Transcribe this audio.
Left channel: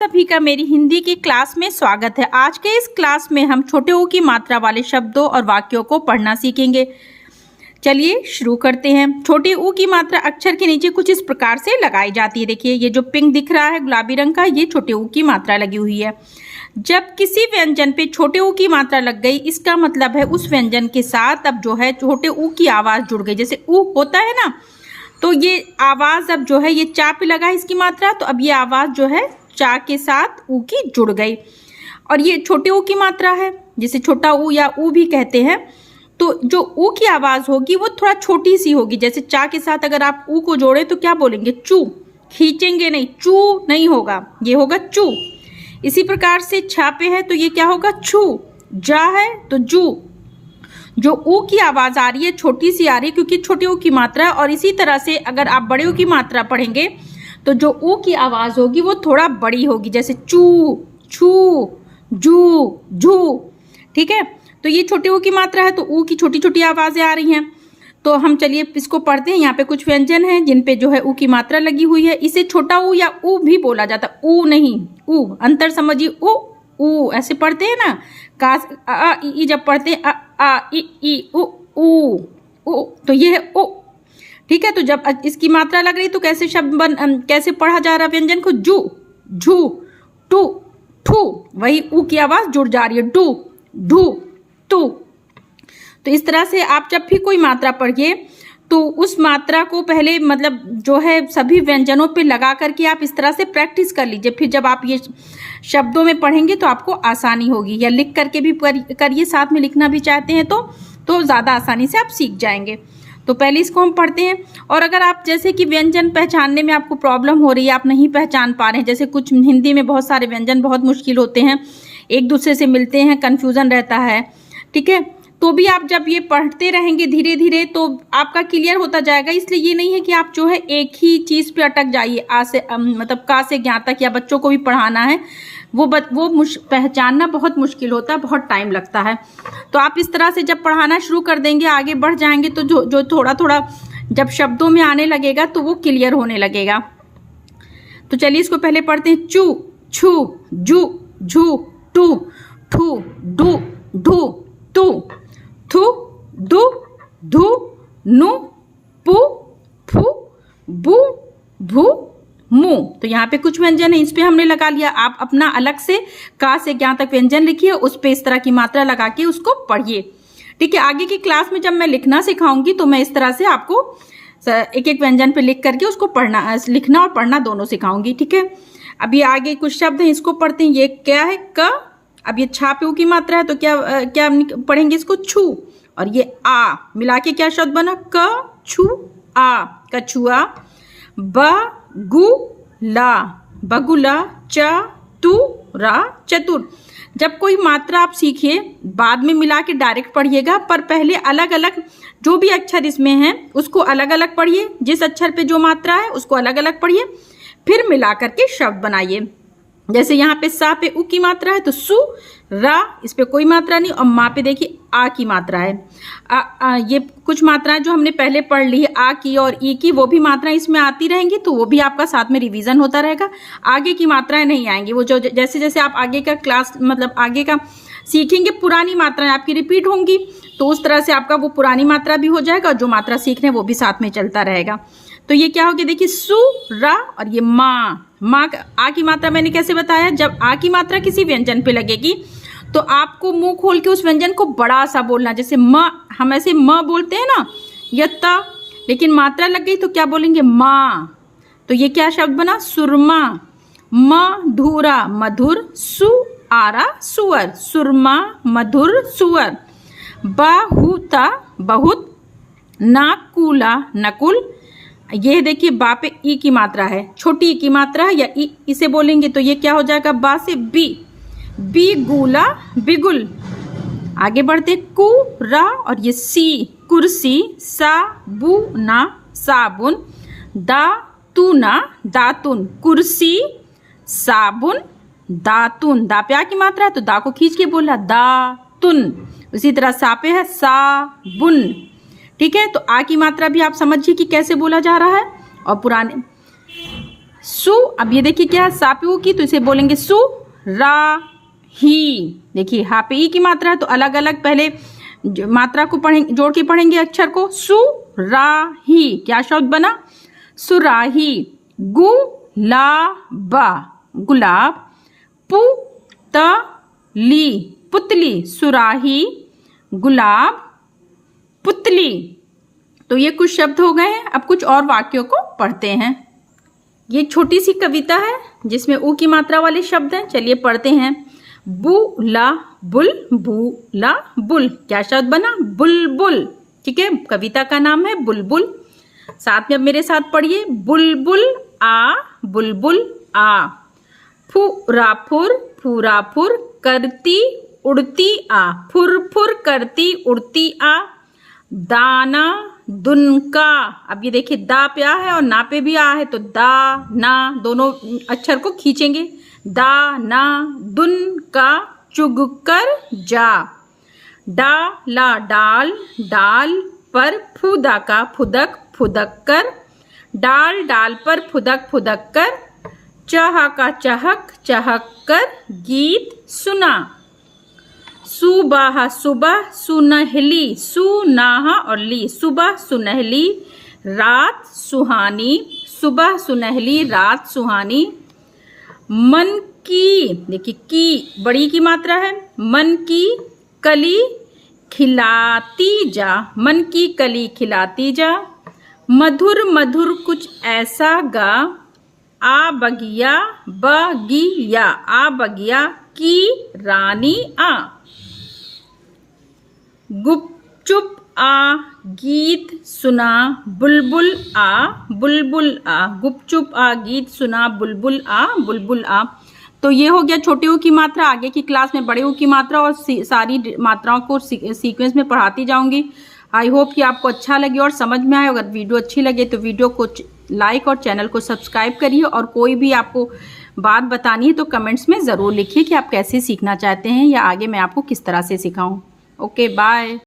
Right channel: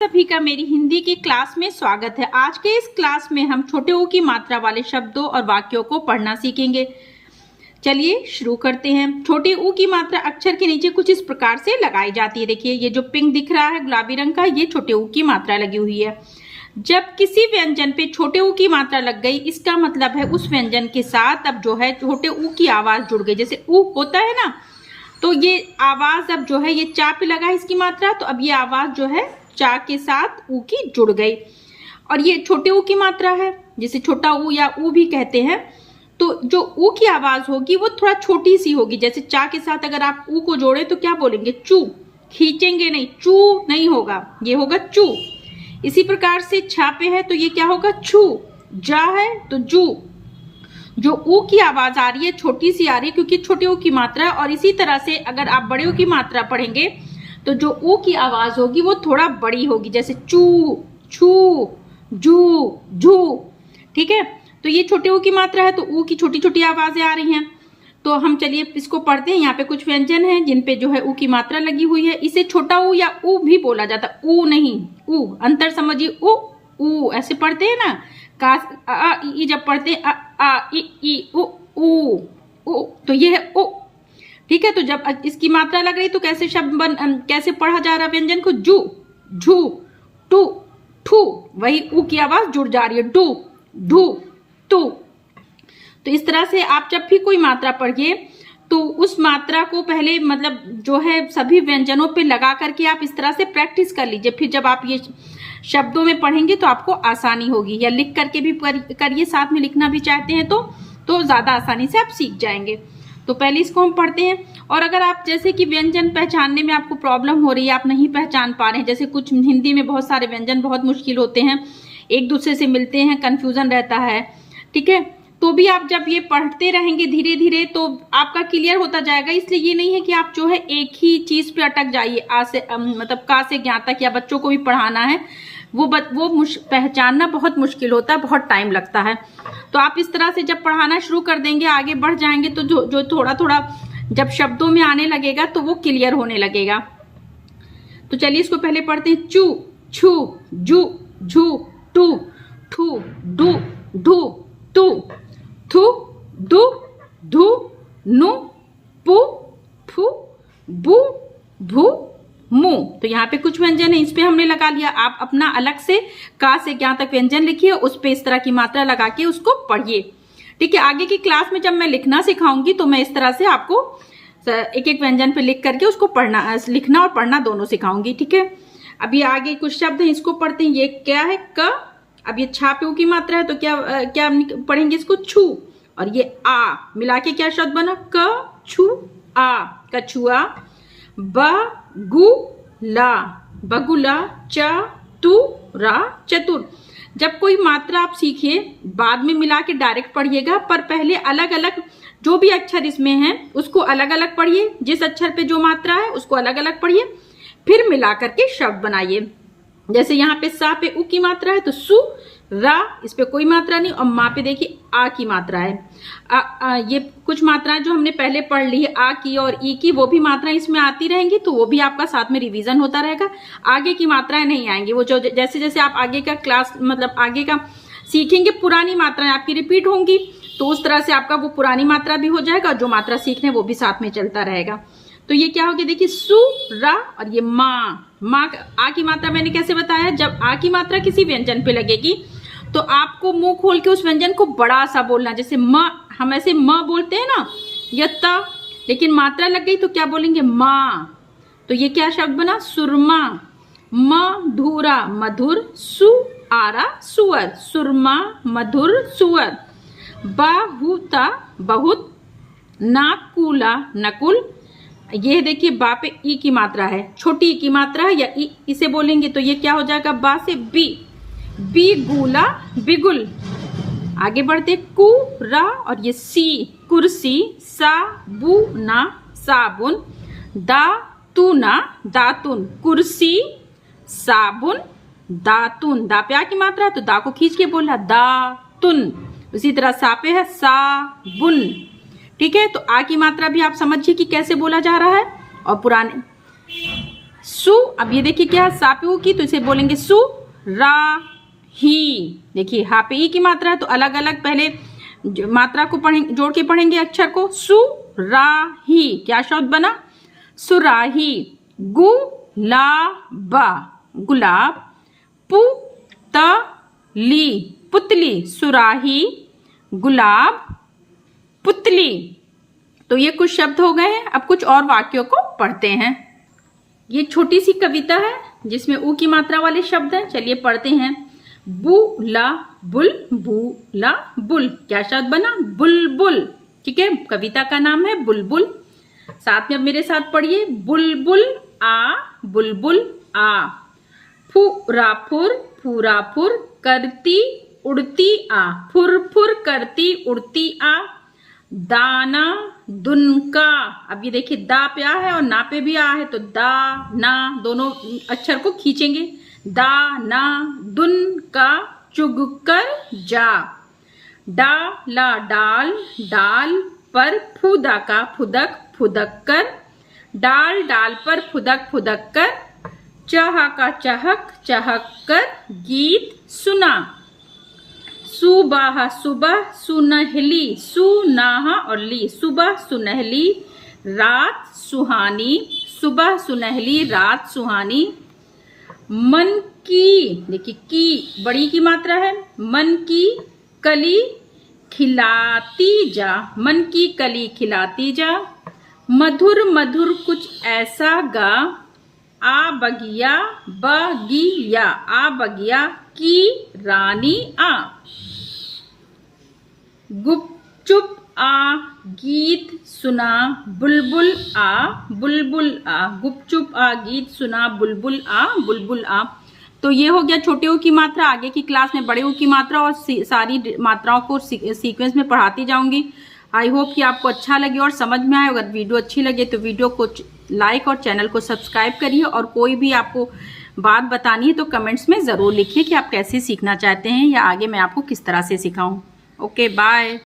सभी का मेरी हिंदी की क्लास में स्वागत है। आज के इस क्लास में हम छोटे ऊ की मात्रा वाले शब्दों और वाक्यों को पढ़ना सीखेंगे। चलिए शुरू करते हैं। छोटे ऊ की मात्रा अक्षर के नीचे कुछ इस प्रकार से लगाई जाती है। देखिए ये जो पिंक दिख रहा है गुलाबी रंग का, ये छोटे ऊ की मात्रा लगी हुई है। जब किसी व्यंजन पे छोटे ऊ की मात्रा लग गई, इसका मतलब है उस व्यंजन के साथ अब जो है छोटे ऊ की आवाज जुड़ गई। जैसे ऊ होता है ना, तो ये आवाज अब जो है ये चा पे लगा है इसकी मात्रा, तो अब ये आवाज जो है चा के साथ ऊ की जुड़ गई। और ये छोटे ऊ की मात्रा है, जिसे छोटा ऊ या ऊ भी कहते हैं। तो जो ऊ की आवाज होगी वो थोड़ा छोटी सी होगी। जैसे चा के साथ अगर आप ऊ को जोड़े तो क्या बोलेंगे? चू। खींचेंगे नहीं, चू नहीं होगा, ये होगा चू। इसी प्रकार से छा पे है तो ये क्या होगा? छू। जा है तो जू। जो ऊ की आवाज आ रही है छोटी सी आ रही है क्योंकि छोटे ऊ की मात्रा है। और इसी तरह से अगर आप बड़े ऊ की मात्रा पढ़ेंगे तो जो ऊ की आवाज होगी वो थोड़ा बड़ी होगी। जैसे चू, छू, जू, झू। ठीक है, तो ये छोटे ऊ की मात्रा है तो ऊ की छोटी छोटी आवाजें आ रही हैं। तो हम चलिए इसको पढ़ते हैं। यहाँ पे कुछ व्यंजन हैं जिन पे जो है ऊ की मात्रा लगी हुई है। इसे छोटा ऊ या ऊ भी बोला जाता है, ऊ नहीं, ऊ। अंतर समझिए, ऊ ऐसे पढ़ते हैं ना। कास आ ई जब पढ़ते हैं आ ई ऊ ऊ, तो ये है ऊ। ठीक है, तो जब इसकी मात्रा लग रही तो कैसे कैसे पढ़ा जा रहा व्यंजन को? जू, झू, टू, ठू। वही ऊ की आवाज जुड़ जा रही है, डू, ढू, टू। तो इस तरह से आप जब भी कोई मात्रा पढ़िए तो उस मात्रा को पहले मतलब जो है सभी व्यंजनों पे लगा करके आप इस तरह से प्रैक्टिस कर लीजिए। फिर जब आप ये शब्दों में पढ़ेंगे तो आपको आसानी होगी। या लिख करके भी करिए, साथ में लिखना भी चाहते हैं तो ज्यादा आसानी से आप सीख जाएंगे। तो पहले इसको हम पढ़ते हैं। और अगर आप जैसे कि व्यंजन पहचानने में आपको प्रॉब्लम हो रही है, आप नहीं पहचान पा रहे हैं, जैसे कुछ हिंदी में बहुत सारे व्यंजन बहुत मुश्किल होते हैं, एक दूसरे से मिलते हैं, कंफ्यूजन रहता है, ठीक है, तो भी आप जब ये पढ़ते रहेंगे धीरे धीरे तो आपका क्लियर होता जाएगा। इसलिए ये नहीं है कि आप जो है एक ही चीज पे अटक जाइए। आ से मतलब का से ज्ञा तक, या बच्चों को भी पढ़ाना है, वो पहचानना बहुत मुश्किल होता है, बहुत टाइम लगता है। तो आप इस तरह से जब पढ़ाना शुरू कर देंगे, आगे बढ़ जाएंगे, तो जो थोड़ा थोड़ा जब शब्दों में आने लगेगा तो वो क्लियर होने लगेगा। तो चलिए इसको पहले पढ़ते हैं। चू, छू, जू, झू, टू, ठू, डू, ढू, तू, थू, दू, धू, नु, पू, फू, बू, भू, मु। तो यहाँ पे कुछ व्यंजन है, इस पे हमने लगा लिया। आप अपना अलग से का से ज्ञा तक व्यंजन लिखिए, उस पे इस तरह की मात्रा लगा के उसको पढ़िए। ठीक है, आगे की क्लास में जब मैं लिखना सिखाऊंगी तो मैं इस तरह से आपको एक एक व्यंजन पे लिख करके उसको पढ़ना, लिखना और पढ़ना दोनों सिखाऊंगी। ठीक है, अभी आगे कुछ शब्द हैं, इसको पढ़ते हैं। ये क्या है? क। अब ये छा पे ऊ की मात्रा है तो क्या पढ़ेंगे इसको? छू। और ये आ मिला के क्या शब्द बना? क छू आ, कछुआ। बगुला, बगुला। चतुरा, चतुर। जब कोई मात्रा आप सीखिए बाद में मिला के डायरेक्ट पढ़िएगा, पर पहले अलग अलग जो भी अक्षर इसमें है उसको अलग अलग पढ़िए। जिस अक्षर पे जो मात्रा है उसको अलग अलग पढ़िए, फिर मिला करके शब्द बनाइए। जैसे यहाँ पे सा पे ऊ की मात्रा है तो सु रा, इस पे कोई मात्रा नहीं। और माँ पे देखिए आ की मात्रा है। ये कुछ मात्राएं जो हमने पहले पढ़ ली है, आ की और ई की, वो भी मात्राएं इसमें आती रहेंगी, तो वो भी आपका साथ में रिवीजन होता रहेगा। आगे की मात्राएं नहीं आएंगी, वो जो जैसे जैसे आप आगे का क्लास मतलब आगे का सीखेंगे, पुरानी मात्राएं आपकी रिपीट होंगी, तो उस तरह से आपका वो पुरानी मात्रा भी हो जाएगा और जो मात्रा सीख रहे हैं वो भी साथ में चलता रहेगा। तो ये क्या हो गया? देखिए सु रा और ये माँ। माँ आ की मात्रा मैंने कैसे बताया? जब आ की मात्रा किसी व्यंजन पे लगेगी तो आपको मुंह खोल के उस व्यंजन को बड़ा सा बोलना। जैसे म, हम ऐसे म बोलते हैं ना, यत्ता, लेकिन मात्रा लग गई तो क्या बोलेंगे? माँ। तो ये क्या शब्द बना? सुरमा। मधुरा, मधुर। सुआरा, सुअर। सुरमा, मधुर, सुअर। बहुता, बहुत। नाकुला, नकुल। ये देखिए बा पे ई की मात्रा है, छोटी ई की मात्रा है, या ई इसे बोलेंगे तो ये क्या हो जाएगा? बा से बी। बिगुला, बिगुल। आगे बढ़ते कुरा और ये सी, कुर्सी। साबुना, साबुन। दातुना, दातुन। कुर्सी, साबुन, दातुन। दा पे आ की मात्रा है तो दा को खींच के बोला दातुन। इसी तरह सा पे है साबुन। ठीक है, तो आ की मात्रा भी आप समझिए कि कैसे बोला जा रहा है। और पुराने सु। अब ये देखिए क्या है, सा पे ऊ की, तो इसे बोलेंगे सु रा ही। देखिए हा पे ई की मात्रा है, तो अलग अलग पहले मात्रा को पढ़ेंगे, जोड़ के पढ़ेंगे अक्षर को। सु रा ही, क्या शब्द बना? सुराही। गु ला बा, गुलाब। पु त ली, पुतली। सुराही, गुलाब, पुतली। तो ये कुछ शब्द हो गए हैं। अब कुछ और वाक्यों को पढ़ते हैं। ये छोटी सी कविता है जिसमें ऊ की मात्रा वाले शब्द हैं। चलिए पढ़ते हैं। बुला बुल, बुला बुल, क्या शब्द बना? बुलबुल। ठीक है, कविता का नाम है बुलबुल। साथ में अब मेरे साथ पढ़िए। बुलबुल आ, बुलबुल आ। फुराफुर, फुराफुर करती उड़ती आ, फुर करती उड़ती आ। दाना दुनका, अब ये देखिए दा पे आ है और ना पे भी आ है, तो दा ना दोनों अक्षर को खींचेंगे। दा ना दुन का चुग कर जा। डाला डाल, डाल पर फुदा का फुदक, फुदक कर। डाल डाल पर फुदक, फुदक कर। चहा का चहक, चहक कर गीत सुना। सुबह सुबह सुनहली, सुनाहा और ली, सुबह सुनहली रात सुहानी, सुबह सुनहली रात सुहानी। मन की, देखिए की बड़ी की मात्रा है, मन की कली खिलाती जा, मन की कली खिलाती जा। मधुर मधुर कुछ ऐसा गा, आ बगिया बगिया, आ बगिया की रानी आ। गुपचुप आ गीत सुना, बुलबुल आ, बुलबुल आ। गुपचुप आ गीत सुना, बुलबुल आ, बुलबुल आ। तो ये हो गया छोटे ऊ की मात्रा। आगे की क्लास में बड़े ऊ की मात्रा और सारी मात्राओं को सीक्वेंस में पढ़ाती जाऊंगी। आई होप कि आपको अच्छा लगे और समझ में आए। अगर वीडियो अच्छी लगे तो वीडियो को लाइक और चैनल को सब्सक्राइब करिए। और कोई भी आपको बात बतानी है तो कमेंट्स में ज़रूर लिखिए कि आप कैसे सीखना चाहते हैं या आगे मैं आपको किस तरह से सिखाऊं। Okay, bye.